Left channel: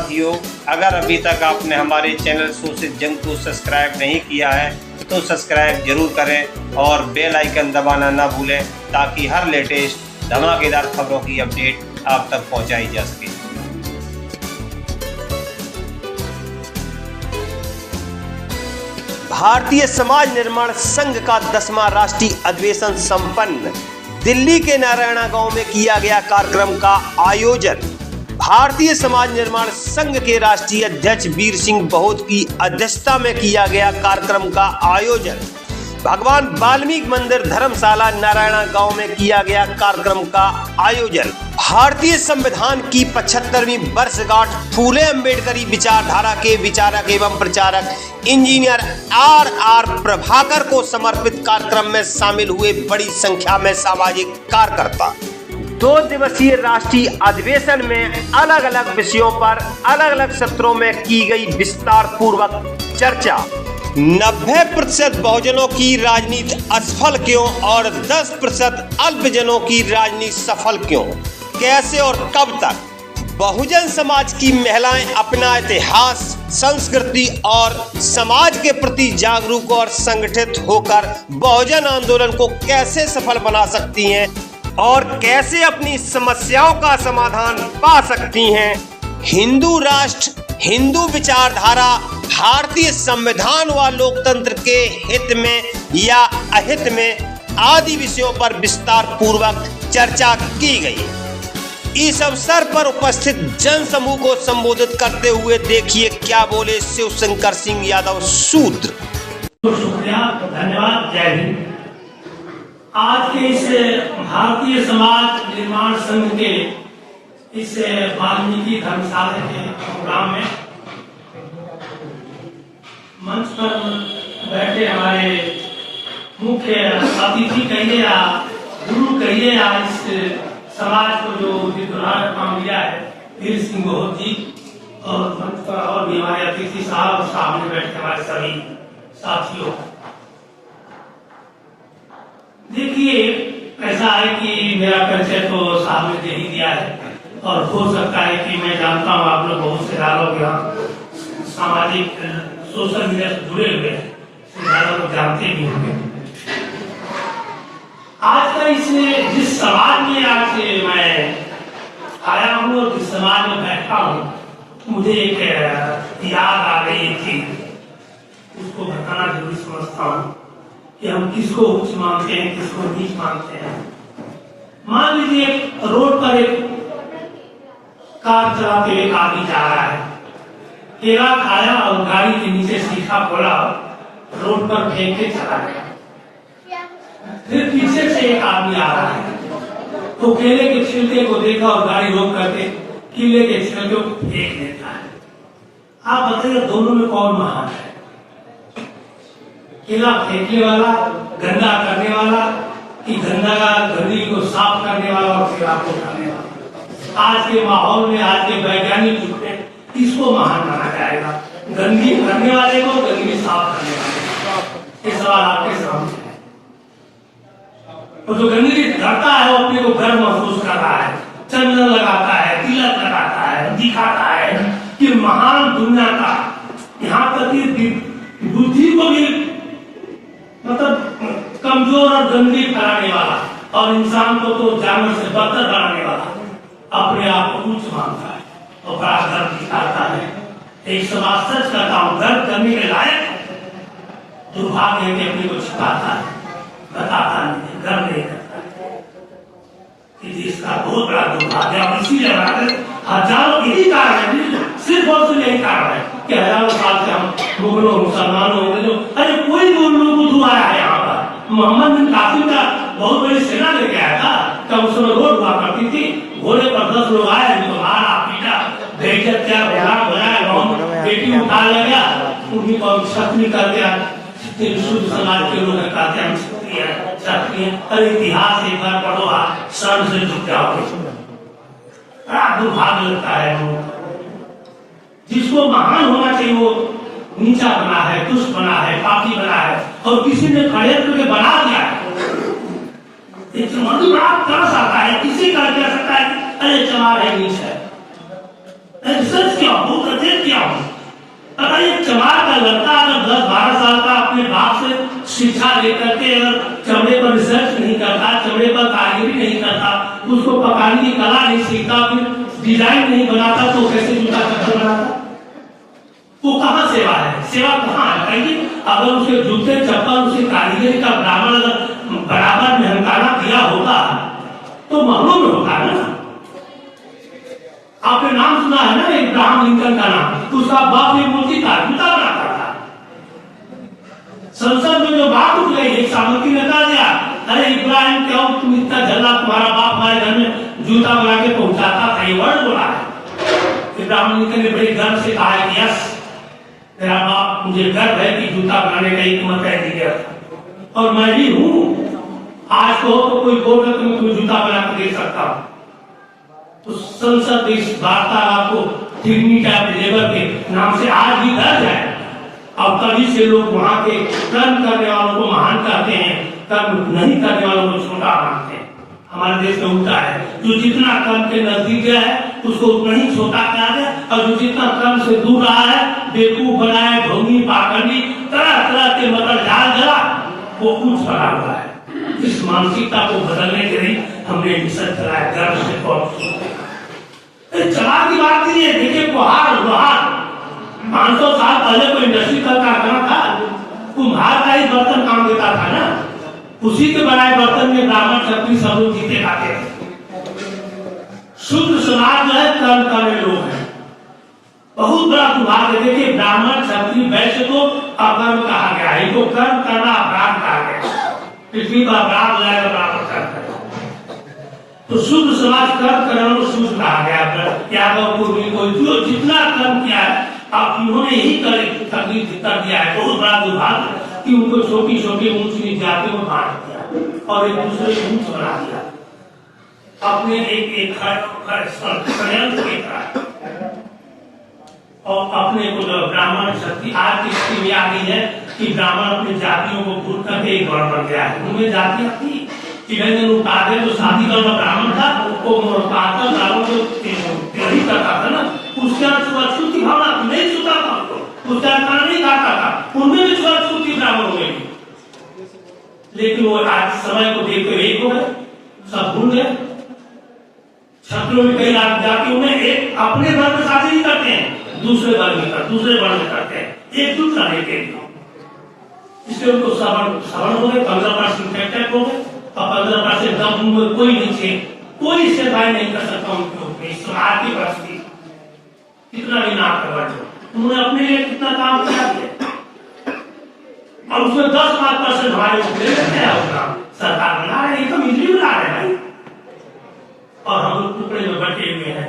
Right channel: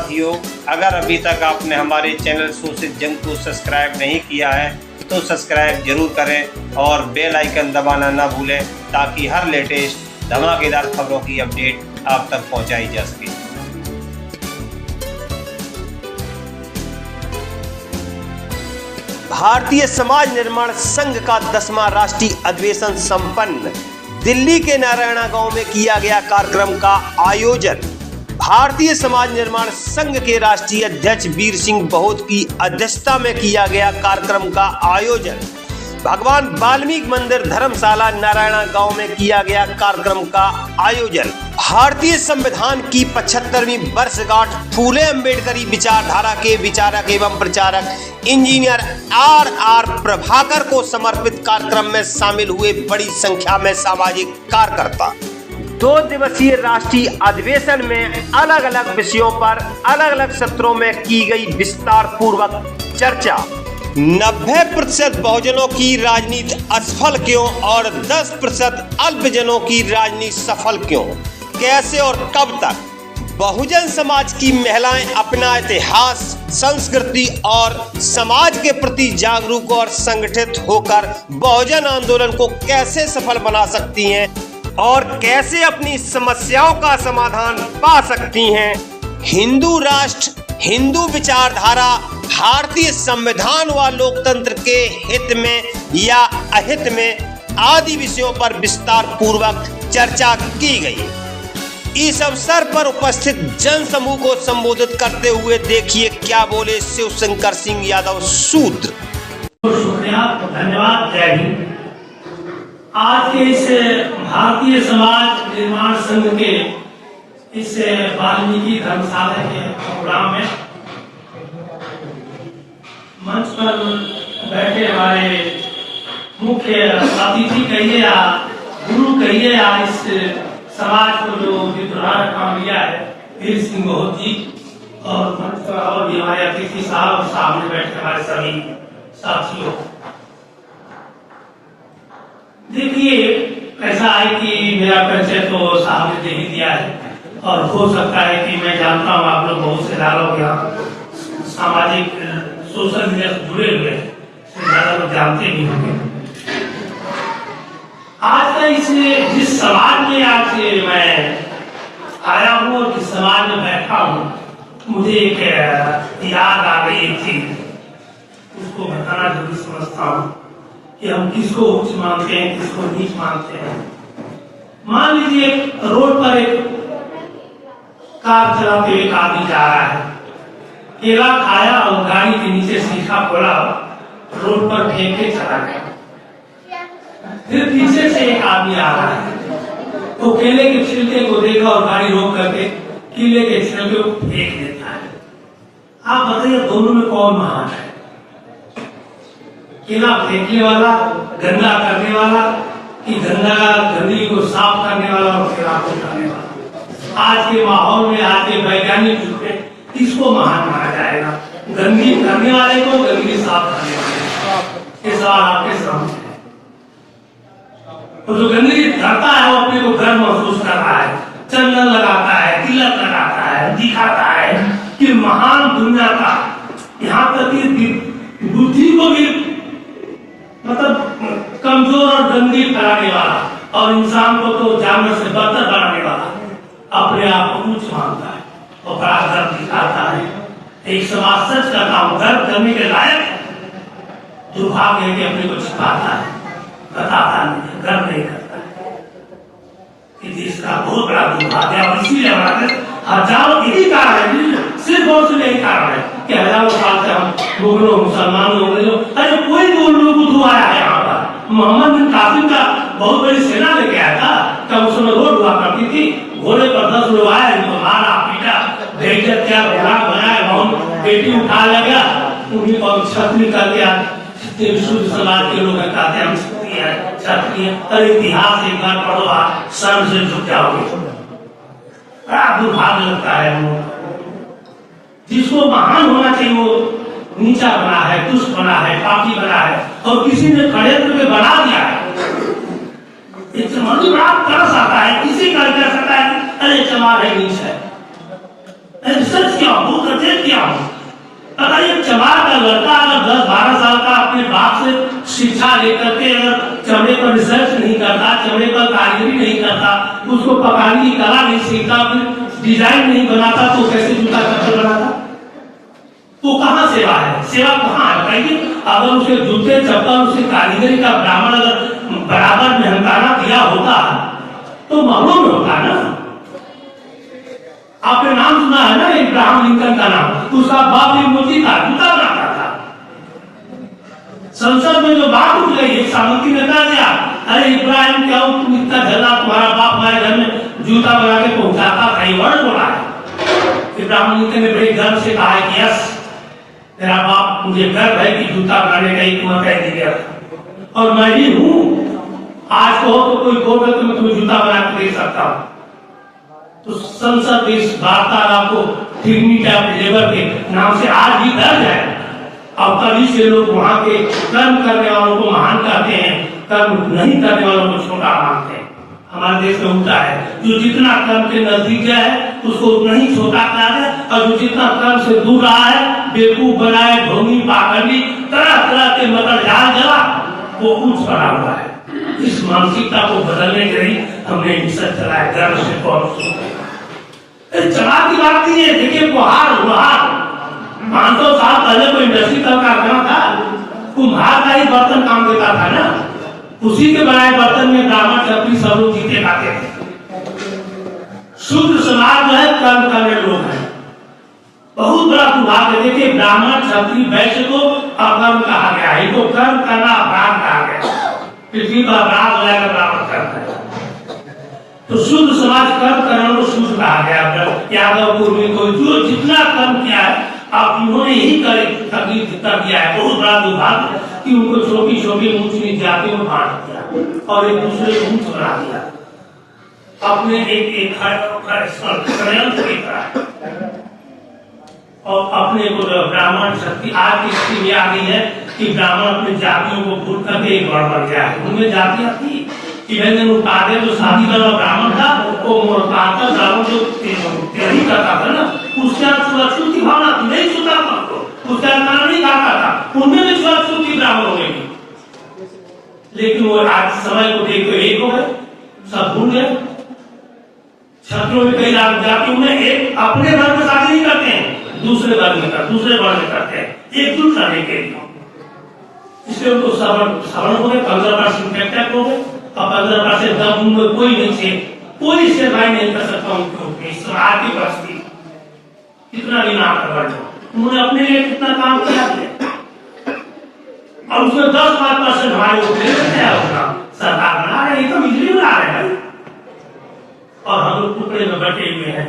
साथियों, अगर अभी तक आपने हमारे चैनल शोषित जंग को सब्सक्राइब नहीं किया है तो सब्सक्राइब जरूर करें और बेल आइकन दबाना ना भूलें ताकि हर लेटेस्ट धमाकेदार खबरों की अपडेट आप तक पहुंचाई जा सके। भारतीय समाज निर्माण संघ का 10वां राष्ट्रीय अधिवेशन संपन्न। दिल्ली के नारायणा गांव में किया गया कार्यक्रम का आयोजन। भारतीय समाज निर्माण संघ के राष्ट्रीय अध्यक्ष वीर सिंह बहुत की अध्यक्षता में किया गया कार्यक्रम का आयोजन। भगवान वाल्मीकि मंदिर धर्मशाला नारायणा गांव में किया गया कार्यक्रम का आयोजन। भारतीय संविधान की 75वीं वर्षगांठ फूले अम्बेडकरी विचारधारा के विचारक एवं प्रचारक इंजीनियर आर प्रभाकर को समर्पित कार्यक्रम में शामिल हुए बड़ी संख्या में सामाजिक कार्यकर्ता। 2 दिवसीय राष्ट्रीय अधिवेशन में अलग अलग विषयों पर अलग अलग सत्रों में की गई विस्तार पूर्वक चर्चा। 90% बहुजनों की राजनीति असफल क्यों और 10% अल्पजनों की राजनीति सफल क्यों, कैसे और कब तक? बहुजन समाज की महिलाएं अपना इतिहास, संस्कृति और समाज के प्रति जागरूक और संगठित होकर बहुजन आंदोलन को कैसे सफल बना सकती हैं और कैसे अपनी समस्याओं का समाधान पा सकती हैं? हिंदू राष्ट्र, हिंदू विचारधारा, भारतीय संविधान व लोकतंत्र के हित में या अहित में आदि विषयों पर विस्तार पूर्वक चर्चा की गई। इस अवसर पर उपस्थित जन समूह को संबोधित करते हुए देखिए क्या बोले शिवशंकर सिंह यादव शूद्र। शुक्रिया, धन्यवाद, जय हिंद। आज के इस भारतीय समाज निर्माण संघ के इस वाल्मीकि धर्मशाला के प्रोग्राम में मंच पर बैठे हमारे मुख्य अतिथि कहिए या गुरु कहिए या इस समाज को जो विद्रोह काम लिया है वीर सिंह बहुत जी, और मंच पर और भी हमारे अतिथि साहब सामने बैठे हमारे सभी साथियों। देखिए, ऐसा है कि मेरा परिचय तो साहब ने दे ही दिया है और हो सकता है कि मैं जानता हूँ आप लोग बहुत से लोग सामाजिक सोशल मीडिया से जुड़े हुए ज्यादा लोग जानते नहीं होंगे। आज का इस जिस समाज में आज मैं आया हूँ और जिस समाज में बैठा हूँ, मुझे एक याद आ गई थी, इसको बताना जरूरी समझता हूँ कि हम किसको उच्च मानते हैं, किसको नीच मानते हैं। मान लीजिए रोड पर एक कार चलाते एक आदमी जा रहा है, केला खाया और गाड़ी के नीचे शीशा खोला, रोड पर फेंक के चला गया। फिर पीछे से एक आदमी आ रहा है, तो केले के छिलके को देखा और गाड़ी रोक करके केले के छिलके को फेंक देता है। आप बताइए दोनों में कौन महान है? केला फेंकने वाला, गंदा करने वाला, कि गंदगी को साफ करने वाला और केला को करने वाला? आज के माहौल में, आज के वैज्ञानिक युग में किसको महान माना जाएगा? गंदगी करने वाले को, गंदगी साफ करने वाले? ये सवाल आपके सामने है। और जो गंदगी करता है वो अपने को गर्व महसूस कर रहा है, चंदन लगाता है, तिलक लगाता है, दिखाता है कि महान दुनिया का, यहाँ तक कि बुद्धि को भी मतलब कमजोर और गंदगी फैलाने वाला और इंसान को तो जानवर से बदतर बनाने वाला अपने आप को उच्च मानता है और बड़ा गर्व दिखाता है। एक समाज सच करता हूँ, गर्व करने के लायक दुर्भाग्य है कि अपने को छिपाता है, बताता नहीं, गर्व नहीं करता है। इसका बहुत बड़ा दुर्भाग्य है। और इसीलिए हजारों यही कारण है, सिर्फ और सिर्फ यही कारण है कि हजारों साल से हम मुगलों, मुसलमानों, अरे कोई गोलों को धुआ है यहाँ पर। मोहम्मद बिन कासिम का बहुत बड़ी सेना लेके आया था, तब उस समय रोड हुआ करती थी, घोड़े पर 10 लोग आए, उनको मारा पीटा, बेइज्जत किया, बेलाक बनाया, गाँव बेटी उठा लगा, उन्हीं को क्षत्रिय कर दिया। शुद्ध समाज के लोग कहते हैं क्षत्रिय, अरे इतिहास एक बार पढ़ो, सर से झुक जाओगे। दुर्भाग्य लगता है हम लोग। जिसको महान होना चाहिए वो नीचा बना है, दुष्ट बना है, पापी बना है, और किसी ने खड़े करके बना दिया है। एक समझ बड़ा तरस आता है, किसी का कह सकता है अरे चला है नीच है। रिसर्च किया, बहुत अध्ययन किया। अगर एक चमार का लड़का अगर 10-12 साल का अपने बाप से शिक्षा लेकर के अगर चमड़े पर रिसर्च नहीं करता, चमड़े पर कारीगरी नहीं करता, उसको पकाने की कला नहीं सीखता, फिर डिजाइन नहीं बनाता, तो कैसे जूता चप्पल बनाता? वो कहाँ सेवा है? सेवा कहाँ है बताइए? अगर उसके जूते चप्पल उसकी कारीगरी का ब्राह्मण अगर बराबर मेहनताना किया होता तो मालूम में होता है ना। आपने नाम सुना है ना इब्राहिम लिंकन का नाम, उसका बाप एक मोची था, जूता बनाता था। संसद में जो बात उठ गई, एक सामंती ने कहा दिया, अरे इब्राहिम क्या हो तुम इतना झल्ला, तुम्हारा बाप हमारे घर में जूता बना के पहुंचाता था, ये वर्ड बोला है। इब्राहिम लिंकन ने बड़े गर्व से कहा है कि यस, मेरा बाप, मुझे गर्व है कि जूता बनाने का एक मत इंजीनियर और मैं भी हूं। आज तो कोई बोल तो मैं तुम्हें जूता बना के दे सकता हूं। तो संसद इस वार्तालाप को डिग्निटी ऑफ लेबर के नाम से आज भी दर्ज है। अब तभी से लोग वहां के कर्म करने वालों को महान कहते हैं, कर्म नहीं करने वालों को छोटा मानते हैं। हमारे देश में उल्टा है, जो जितना कर्म के नजदीक है उसको उतना ही छोटा करा दे, और जो जितना कर्म से दूर रहा है, बेवकूफ बनाए, ढोंगी, पाखंडी, तरह तरह के मतलब जाल जला, वो ऊंच करा हुआ है। इस मानसिकता को बदलने के लिए हमने मिशन चलाया, गर्व से चला की बात नहीं है। देखिए कुम्हार 500 साल पहले कोई इंडस्ट्री का कारखाना था, कुम्हार का ही बर्तन काम देता था ना, उसी के बनाए बर्तन में ब्राह्मण क्षत्रिय सब लोग जीते खाते थे। शूद्र समाज जो है कर्म करने लोग हैं। बहुत बड़ा दुर्भाग्य, देखिए ब्राह्मण क्षत्रिय वैश्य को अकर्म कहा गया है, इनको कर्म करना अपराध कहा गया। पृथ्वी का अपराध हो जाएगा ब्राह्मण करता है, तो शूद्र समाज कर्म करने को शूद्र कहा गया। यादव पूर्वी को जो जितना कर्म किया है, अब उन्होंने ही तकलीफ कर दिया है। बहुत बड़ा दुर्भाग्य कि उनको छोटी छोटी ऊंच नीच जाति में बांट दिया और एक दूसरे को ऊंच बना दिया, अपने एक षड्यंत्र के तरह। और अपने को ब्राह्मण शक्ति आज की स्थिति में आ गई है कि ब्राह्मण अपनी जातियों को भूल करके एक और बन गया है। उनमें जातियां थी कि उतारे जो शादी वाला ब्राह्मण था वो ब्राह्मण जो तैयारी करता था ना, उसके छुआछूत की भावना थी, नहीं छूता था उसको, उसका खाना नहीं खाता था, उनमें भी छुआछूत थी ब्राह्मणों में भी। लेकिन वो आज समय को देखो एक हो गए, सब भूल गए। छत्रों में कई जातियों में एक अपने वर्ग में शादी नहीं करते हैं, दूसरे वर्ग में करते हैं, एकजुट करने के लिए। इसलिए उनको सवर्ण हो गए, 15% फैक्टर हो गए, और 15% दम उनमें कोई नहीं थे, कोई सेवाएं नहीं कर सकता उनके आर्थिक परिस्थिति कितना भी ना कर, उन्होंने अपने लिए कितना काम किया है। और उसमें 10-5% हमारे अपना सरकार बना रहे हैं, तो बिजली बना रहे हैं और हम लोग टुकड़े में बटे हुए हैं।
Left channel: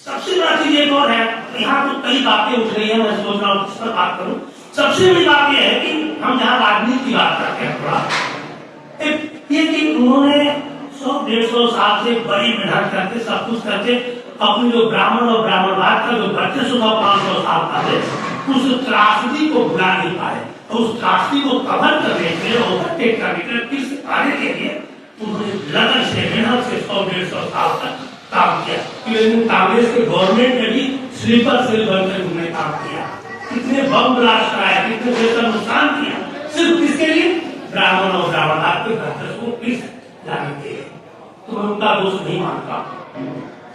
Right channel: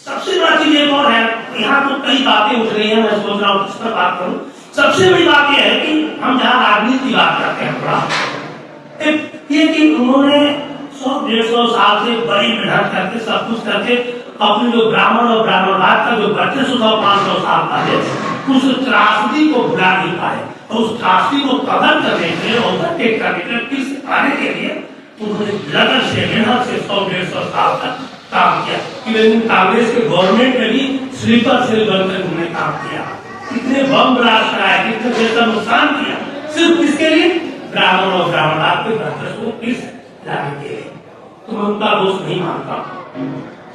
सबसे बड़ा चीज एक और है, यहाँ तो कई बातें उठ रही है, मैं सोच रहा हूँ किस पर बात करूँ। सबसे बड़ी बात यह है कि हम जहाँ राजनीति की बात करते हैं, थोड़ा ये कि उन्होंने 100-150 साल से बड़ी मेहनत करके सब कुछ करके अपने जो ब्राह्मण और ब्राह्मणवाद का जो बच्चे 500 साल पहले उस त्रासदी को भुला नहीं पाए, और उस त्रासदी को कवर करने के लिए, ओवरटेक करने के लिए, फिर से पाने के लिए उन्होंने लगन से मेहनत से 100-150 साल तक काम किया। इवन कांग्रेस के गवर्नमेंट में भी स्लीपर सेल बनकर उन्होंने काम किया, कितने बम ब्लास्ट कराया, कितने देश का नुकसान किया, सिर्फ किसके लिए? ब्राह्मण और ब्राह्मणवाद के बच्चे को पीस लाने के लिए। तो मैं उनका दोष नहीं मानता।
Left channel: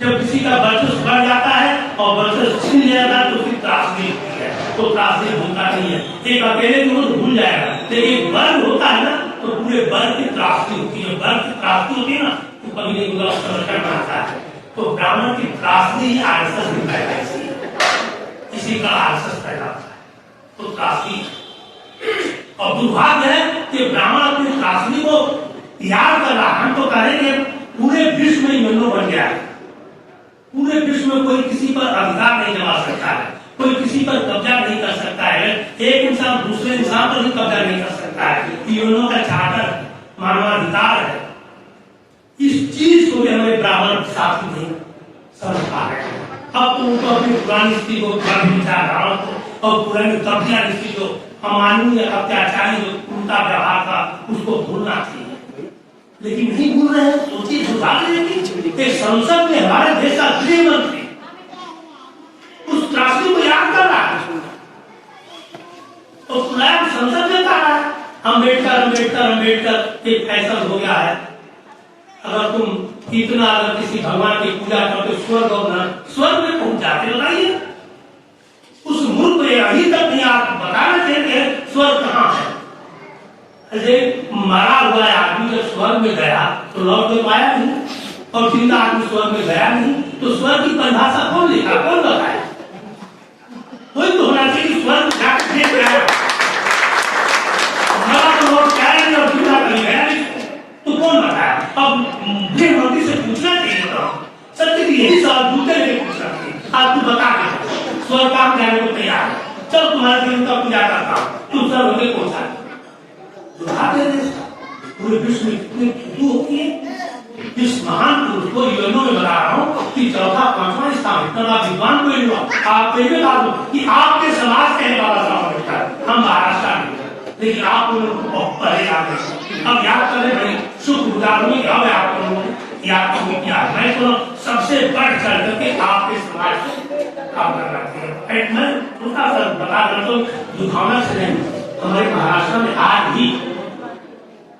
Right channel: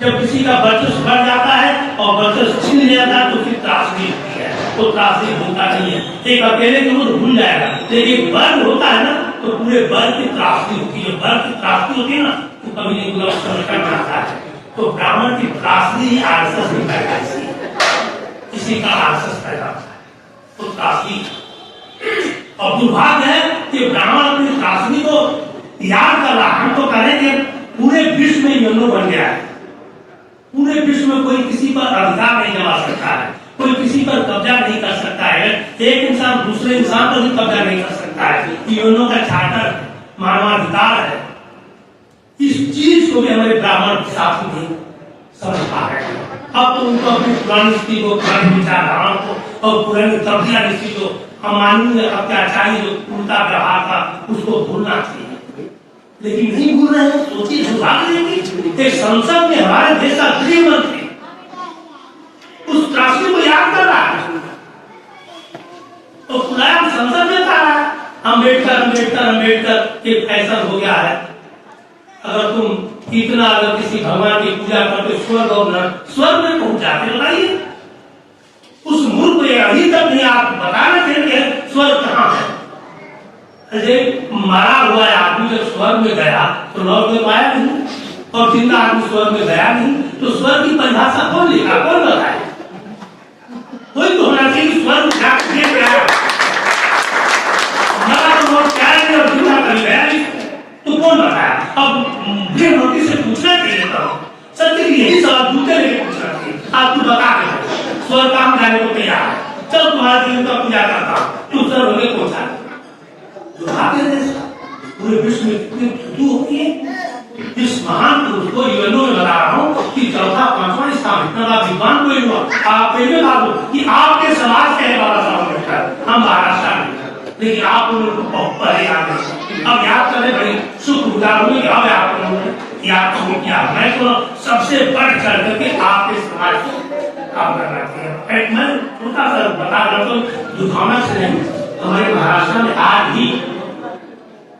जब किसी का वर्चस्व बढ़ जाता है और वर्चस्व छीन जाता है तो फिर त्रासदी होती है, वो त्रासदी होता नहीं है। एक अकेले को भूल जाएगा, लेकिन वर्ग होता है ना तो पूरे वर्ग की त्रासदी होती है। वर्ग की त्रासदी होती है ना तो कभी नहीं पूरा सरकार बनाता है। तो ब्राह्मण की त्रासदी ही आरएसएस में पैदा है, इसी का आरएसएस पैदा होता है। तो त्रासदी और दुर्भाग्य है कि ब्राह्मण अपनी त्रासदी को याद कर रहा। हम तो करेंगे पूरे विश्व में यौन बन गया है, पूरे विश्व में कोई किसी पर अधिकार नहीं जमा सकता है, कोई किसी पर कब्जा नहीं कर सकता है, एक इंसान दूसरे इंसान पर भी कब्जा नहीं कर सकता है। यूएनओ का चार्टर मानवाधिकार है। इस चीज को भी हमारे ब्राह्मण शास्त्र नहीं समझ पा रहे हैं। अब तो उनको अपनी पुरानी स्थिति को, पुरानी विचारधाराओं को और पुरानी कब्जा नीति को, अमानवीय अत्याचारी जो उनका व्यवहार था उसको भूलना चाहिए, लेकिन नहीं भूल रहे हैं। सोचिए दुर्भाग्य कि संसद में हमारे देश का गृह मंत्री आगे तो खुलाया संसद में कहा है अम्बेडकर अम्बेडकर अम्बेडकर एक फैसल हो गया है। अगर तुम इतना अगर किसी भगवान की पूजा करते स्वर्ग और नरक स्वर्ग में पहुंच जाते बताइए। उस मूर्ख को अभी तक नहीं आप बताना चाहिए स्वर्ग कहाँ है। अरे मरा हुआ आदमी जब स्वर्ग में गया तो लौट में पाया नहीं और जिंदा आदमी स्वर्ग में गया नहीं तो स्वर्ग की परिभाषा कौन लिखा कौन बताए। कोई तो होना चाहिए स्वर्ग जाकर देख रहा है मरा तो लौट क्या नहीं और जिंदा कर गया तो कौन बताया। अब गृहमंत्री से पूछना चाहिए था सत्य की यही सवाल दूसरे नहीं पूछना चाहिए। आप तू बता के स्वर्ग काम जाने को तैयार है चल तुम्हारा दिन का पूजा करता हूँ तू स्वर्ग होने पहुंचा पूरे विश्व में कितनी थू होती है। इस महान पुरुष को यूएनओ में बता रहा हूँ कि चौथा पांचवा स्थान इतना बड़ा विद्वान कोई हुआ। आप पहले बात कि आपके समाज के बाबा साहब अम्बेडकर हम महाराष्ट्र में लेकिन आप लोग पहले आ गए। अब याद करें भाई शुक्रगुजार हूँ अब आप लोगों ने याद तो किया। मैं तो सबसे बढ़ चढ़ करके आपके समाज काम करना चाहिए। मैं थोड़ा सा बता रहा तो दुखाना से नहीं हमारे महाराष्ट्र में आज भी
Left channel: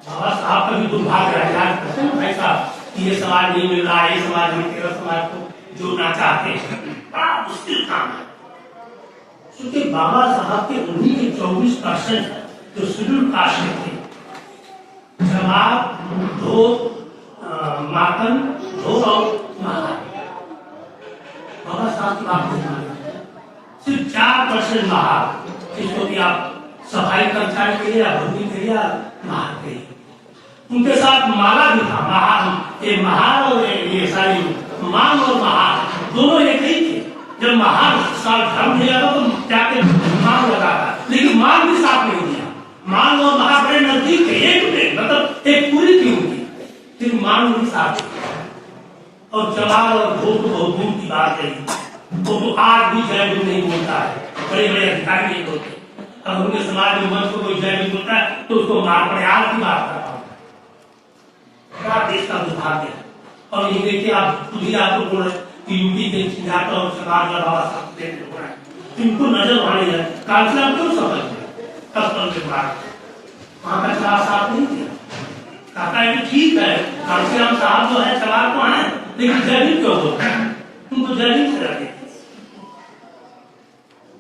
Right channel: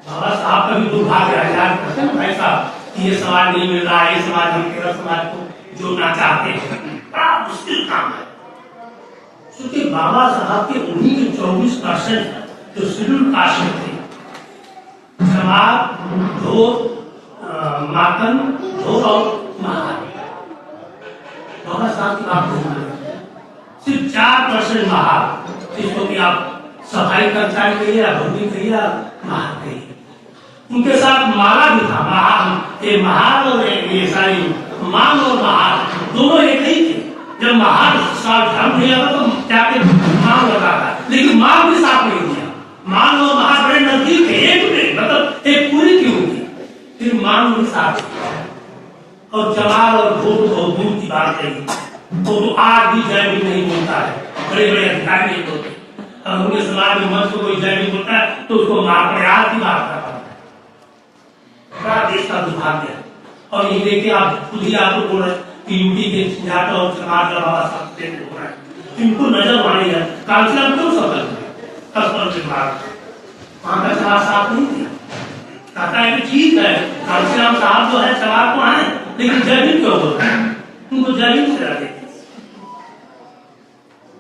बाबा साहब का भी दुर्भाग्य है भाई साहब ये समाज नहीं मिल रहा है ये समाज हम तेरा समाज को जोड़ना चाहते हैं बड़ा मुश्किल काम है। क्योंकि बाबा साहब के उन्हीं के 24% जो शेड्यूल कास्ट में थे जवाब ढोर मातन ढोर और महार बाबा साहब की बात नहीं सिर्फ 4% महार जिसको कि आप सफाई कर्मचारी कहिए या भूमि कहिए या महार कहिए। उनके साथ माला भी था महार और ये सारी मांग और महार दोनों एक ही थे। जब महार साथ धर्म दिया था तो जाके मांग लगा था लेकिन मांग भी साथ नहीं दिया। मांग और महार बड़े नजदीक थे एक में मतलब एक पूरी थी उनकी फिर मांग भी साथ और जवाब और भूत बहुत दूर की बात नहीं तो आज भी जय नहीं बोलता है बड़े बड़े अधिकारी नहीं बोलते। अगर उनके समाज में मंच को कोई जय नहीं बोलता है तो उसको मार पड़े आज की बात कर रहा हूँ। देश का दुर्भाग्य है और ये देखिए आप खुद ही आपको बोल रहे कि यूपी के सिद्धार्थ और समाज का बाबा साहब हो रहा है इनको नजर माने जाए कांचीराम क्यों सफल हुए 10 साल के बाद वहां का चुनाव साफ नहीं किया कहता है कि ठीक है कांचीराम साहब जो है चुनाव तो आए लेकिन जय हिंद क्यों बोलते हैं उनको जय हिंद से रहते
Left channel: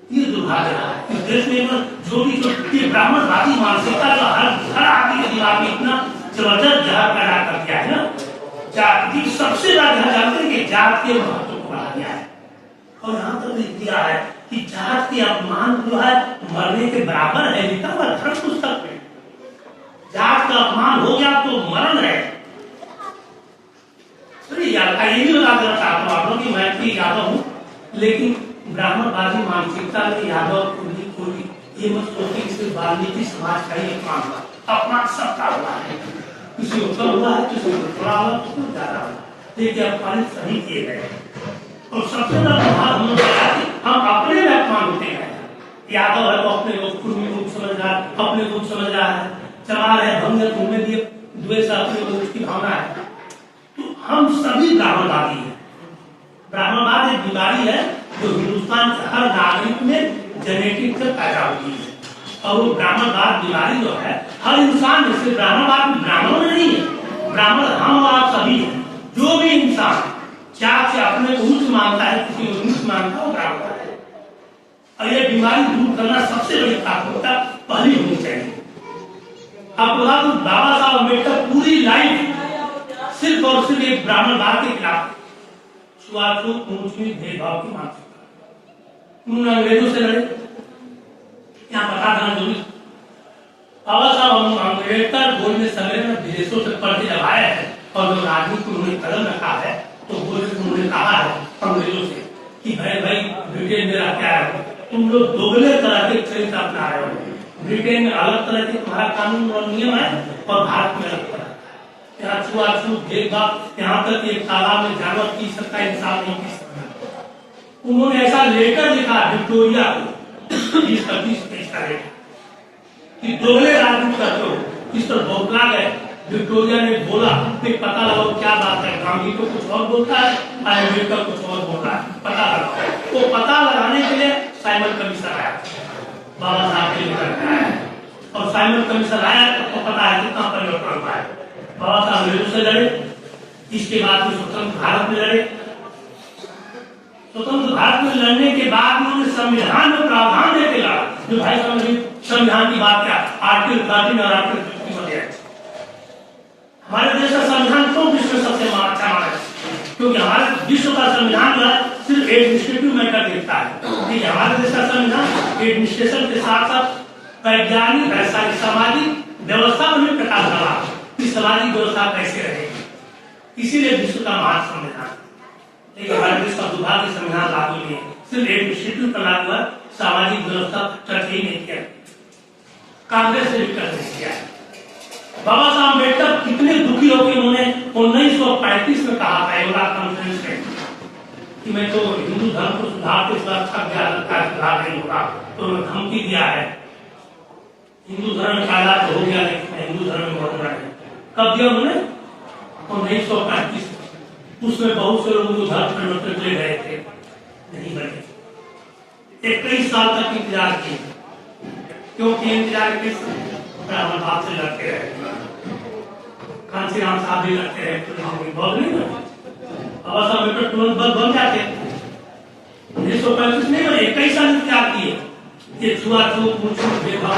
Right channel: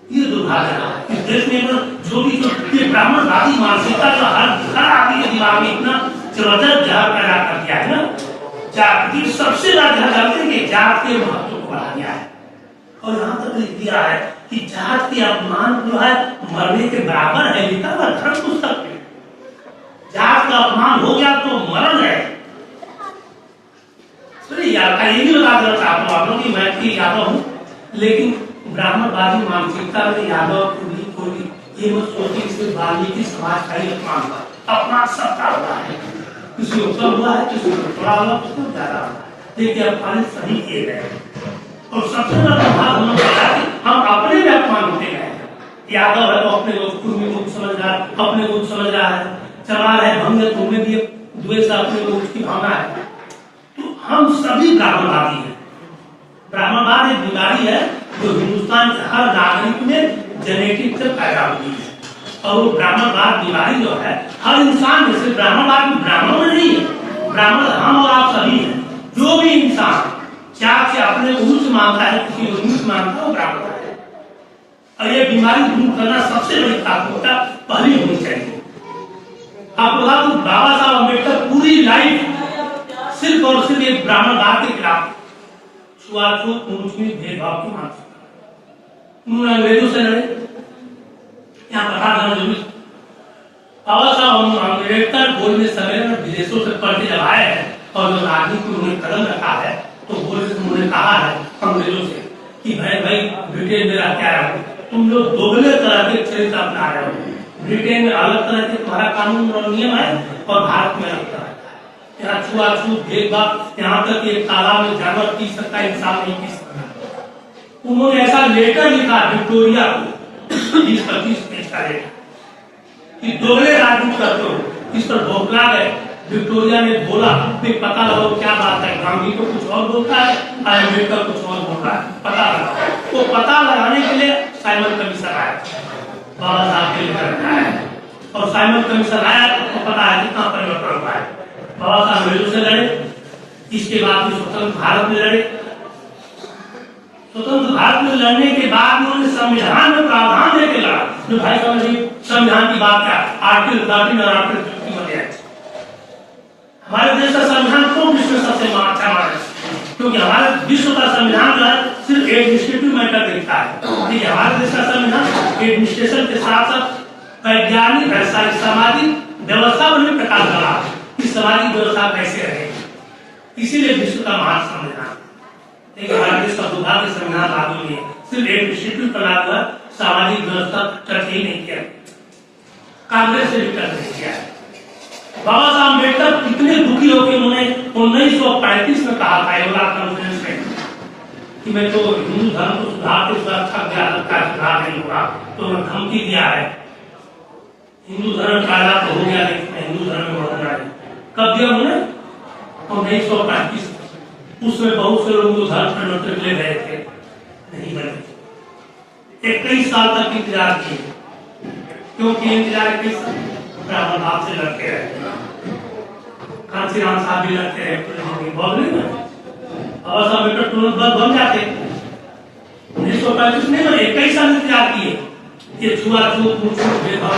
ये दुर्भाग्य है। इस देश में छोटी छोटी ब्राह्मणवादी मानसिकता का हर आदमी के दिमाग में इतना जबरदस्त जहर पैदा कर दिया है ना जात की सबसे ज्यादा जानते हैं कि जात के महत्व को बढ़ा दिया है और यहाँ तक लिख दिया है कि जात के अपमान जो है मरने के बराबर है लिखा हुआ धर्म पुस्तक में। जात का अपमान हो गया तो मरण है। ये भी बता देना चाहता हूँ आप लोग कि मैं भी यादव हूँ लेकिन ब्राह्मणवादी मानसिकता में यादव कोली ये मत सोचिए सिर्फ वाल्मीकि समाज का ही अपमान हुआ अपमान सबका हुआ है किसी को कम हुआ है किसी को थोड़ा हुआ किसी को ज्यादा हुआ देखिए अपमान सभी किए गए और सबसे बड़ा प्रभाव हमने बताया कि हम अपने में अपमान होते गए। यादव है तो अपने को कुर्मी को समझ रहा है अपने को समझ रहा है चमार है भंग उनमें भी द्वेष अपने को उसकी भावना है तो हम सभी ब्राह्मणवादी हैं। ब्राह्मणवाद एक बीमारी है जो हिंदुस्तान के हर नागरिक में जेनेटिक से पैदा होती है और वो ब्राह्मणवाद बीमारी जो है हर इंसान में सिर्फ ब्राह्मणवाद ब्राह्मणों में नहीं है ब्राह्मण हम और आप सभी हैं। जो भी इंसान जात से अपने को उच्च मानता है किसी को नीच मानता है वो ब्राह्मण है और ये बीमारी दूर करना सबसे बड़ी प्राथमिकता पहली होनी चाहिए। आपको बता दूं बाबा साहब अम्बेडकर पूरी लाइफ सिर्फ और सिर्फ एक ब्राह्मणवाद के खिलाफ छुआछूत ऊंच नीच भेदभाव की मानसिकता उन्होंने अंग्रेजों से लड़े। यहाँ बता देना जरूरी बाबा साहब अम्बेडकर गोल्ड में सवेरे में विदेशों से पढ़ के जब आए हैं और जब राजनीति में उन्होंने कदम रखा है तो गोल्ड में उन्होंने कहा है अंग्रेजों से कि भाई ब्रिटेन में रह क्या रहे तुम लोग दोगले तरह के चरित्र अपना रहे हो। ब्रिटेन में अलग तरह के तुम्हारा कानून और नियम है और भारत में अलग तरह का है। यहाँ छुआछूत भेदभाव यहाँ तक एक तालाब में जानवर पी सकता है इंसान नहीं पी सकता। उन्होंने ऐसा लेटर लिखा विक्टोरिया को 20-25 पेज का लेटर कि दोगले राजनीति करते हो इस पर बौखला गए। विक्टोरिया ने बोला कि पता लगाओ क्या बात है गांधी को कुछ और बोलता है अम्बेडकर कुछ और बोल रहा है पता लगाओ। तो पता लगाने के लिए साइमन कमीशन आया, बाबा साहब के लेकर आया, और साइमन कमीशन आया तो पता है कितना परिवर्तन हुआ है। बाबा साहब अंग्रेजों से लड़े, इसके बाद स्वतंत्र भारत में लड़े। स्वतंत्र भारत में लड़ने के बाद उन्होंने संविधान में प्रावधान देके लड़ा, जो भाई साहब ने संविधान की बात किया, आर्टिकल 13 और आर्टिकल 51। हमारे देश का संविधान क्यों विश्व में सबसे अच्छा माना है? क्योंकि हमारे विश्व का संविधान जो है सिर्फ एडमिनिस्ट्रेटिव मैटर देखता है, लेकिन हमारे देश का संविधान एडमिनिस्ट्रेशन के साथ साथ वैज्ञानिक सामाजिक व्यवस्था पर भी प्रकाश डाला कि सामाजिक व्यवस्था कैसे रहे, इसीलिए विश्व का महान संविधान। लेकिन हमारे देश का दुर्भाग्य संविधान लागू नहीं है, सिर्फ एडमिनिस्ट्रेटिव पर लागू है, सामाजिक व्यवस्था टच ही नहीं किया, कांग्रेस से भी टच नहीं किया। बाबा साहब अम्बेडकर कितने दुखी होकर उन्होंने 1935 में कहा था एवला कॉन्फ्रेंस में कि मैं तो हिंदू धर्म को सुधार के सुरक्षा का सुधार नहीं होगा, तो उन्होंने धमकी दिया है। हिंदू धर्म काला तो हो गया, लेकिन मैं हिंदू धर्म में होगा नहीं। कब दिया उन्होंने? 1935। उसमें बहुत से लोग धर्म परिवर्तन के लिए गए थे, नहीं बने। 21 साल तक इंतजार किए। क्यों किए इंतजार? 21 साल ब्राह्मण भाव से लड़ते रहे, कांसी राम साहब भी लड़ते रहे, बहुत नहीं बने। बाबा साहब अम्बेडकर तुरंत बन जाते, 1935 नहीं बने, 21 साल इंतजार किए। ये छुआछूत मुछूत भेदभाव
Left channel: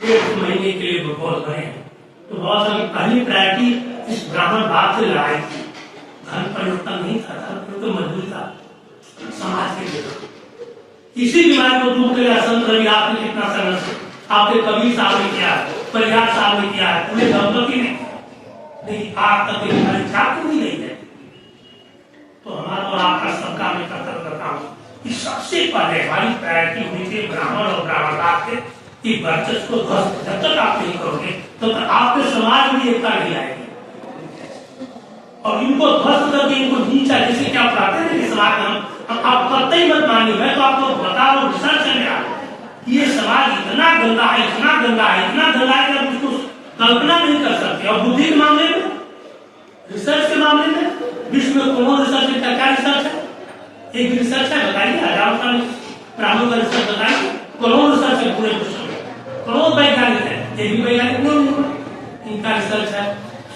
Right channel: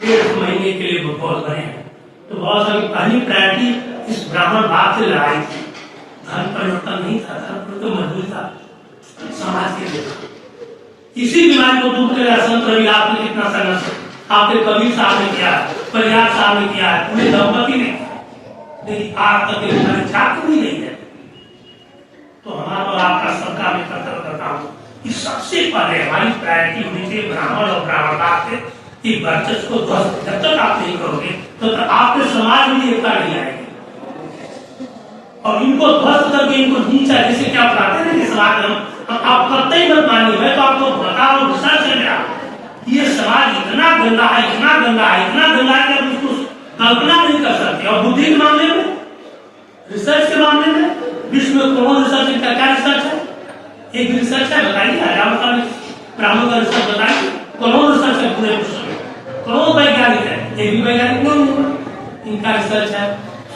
1 महीने के लिए बहुत बने हैं। तो बाबा साहब की पहली प्रायोरिटी इस ब्राह्मण भाव से लड़ाई थी। धर्म परिवर्तन नहीं था, धर्म परिवर्तन मजबूत था समाज के लिए। इसी बीमारी को दूर कर संत रविदास ने कितना संघर्ष आपके कबीर साहब ने किया है, परियार साहब ने किया है, पूरे दंपति ने, लेकिन आज तक परीक्षा नहीं गई है। तो हमारा और आपका सबका मैं कर्तव्य करता हूँ कि सबसे पहले हमारी प्रायोरिटी होनी चाहिए ब्राह्मण और ब्राह्मणवाद के कि वर्चस्व को ध्वस्त जब तक आप नहीं करोगे तो आपके समाज में एकता नहीं आएगी। और इनको ध्वस्त करके इनको नीचा, जैसे क्या बताते हैं कि समाज में आप कतई मत मानिए, मैं तो आपको बता रहा हूँ, रिसर्च है मेरा, ये समाज इतना गंदा है, इतना गंदा है, इतना गंदा है कि आप उसको कल्पना नहीं कर सकते। और बुद्धि के मामले में, रिसर्च के मामले में, विश्व में कौन रिसर्च है? क्या रिसर्च है? एक भी रिसर्च है? बताइए, हजारों साल ब्राह्मणों का रिसर्च बताइए, कौन रिसर्च है पूरे विश्व में? कौन वैज्ञानिक है? एक भी वैज्ञानिक नहीं हुआ, इनका रिसर्च है।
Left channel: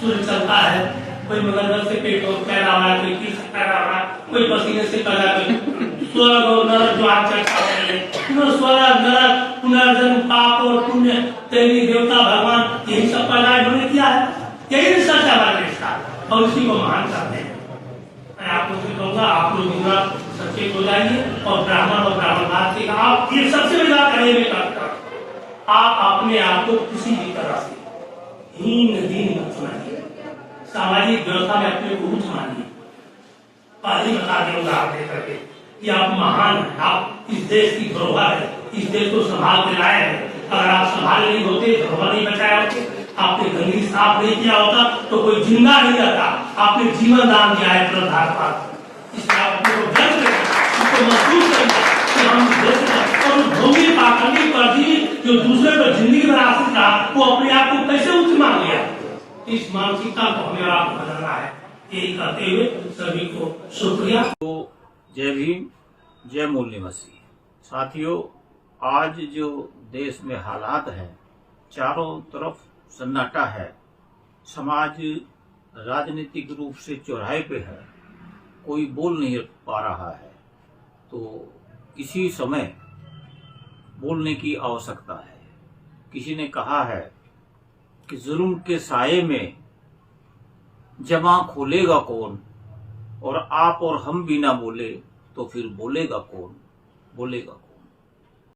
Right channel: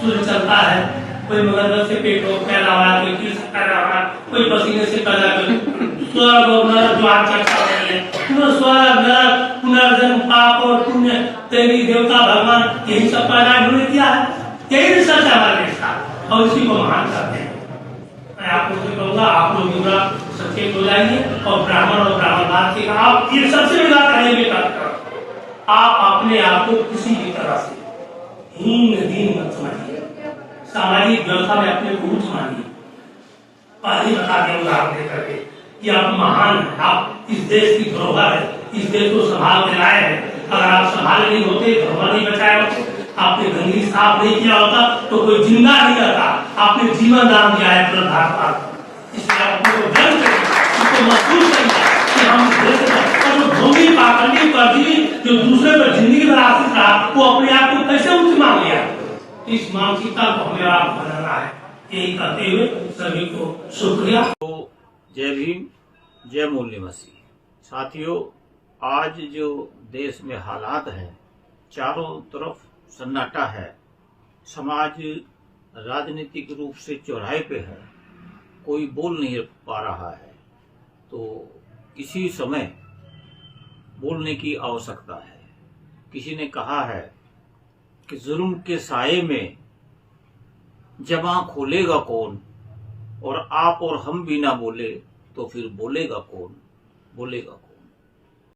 सूर्य चलता है, कोई मगरमच्छ से पेट पैदा हुआ, कोई कीट से पैदा हुआ, कोई पसीने से पैदा कर, स्वर्ग और नरक जो आज चर्चा हो रही है, स्वर्ग नरक पुनर्जन्म पाप और पुण्य तेरी देवता भगवान यही सब पैदा इन्होंने किया है। यही रिसर्च है हमारे देश का और इसी को महान करते हैं। मैं आप लोग से कहूंगा, आप लोग पूरा सचेत हो जाइए और ब्राह्मण और ब्राह्मणवाद के आप ये सबसे बड़ी बात करेंगे, आप अपने आप को किसी भी तरह से हीन दीन मत समझिए, सामाजिक व्यवस्था में अपने को ऊंच मानिए। पहले बता दिया उदाहरण देकर के कि आप महान हैं, आप इस देश की धरोहर है, इस देश को संभाल के लाए हैं। अगर आप संभाल नहीं होते, धरोहर नहीं बचाए होते, आपने गंदगी साफ नहीं किया होता तो कोई जिंदा नहीं रहता। आपने जीवन दान दिया है पूरे भारत को, इसलिए आप अपने को गर्व करें, इसको महसूस करें कि हम देश भूमि पाखंडी कर दी जो दूसरे पर जिंदगी भर आश्रित रहा, वो अपने आप को कैसे उच्च मान लिया। इस मानसिकता को हमें आपको बदलना है। यही करते हुए सभी को शुक्रिया। तो जय भीम, जय मूल निवासी साथियों, आज जो देश में हालात है, चारों तरफ सन्नाटा है, समाज राजनीतिक रूप से चौराहे पे है, कोई बोल नहीं पा रहा है। तो इसी समय बोलने की आवश्यकता है। किसी ने कहा है कि जुल्म के साये में जमा खोलेगा कौन, और आप और हम भी ना बोले तो फिर बोलेगा कौन, बोलेगा कौन।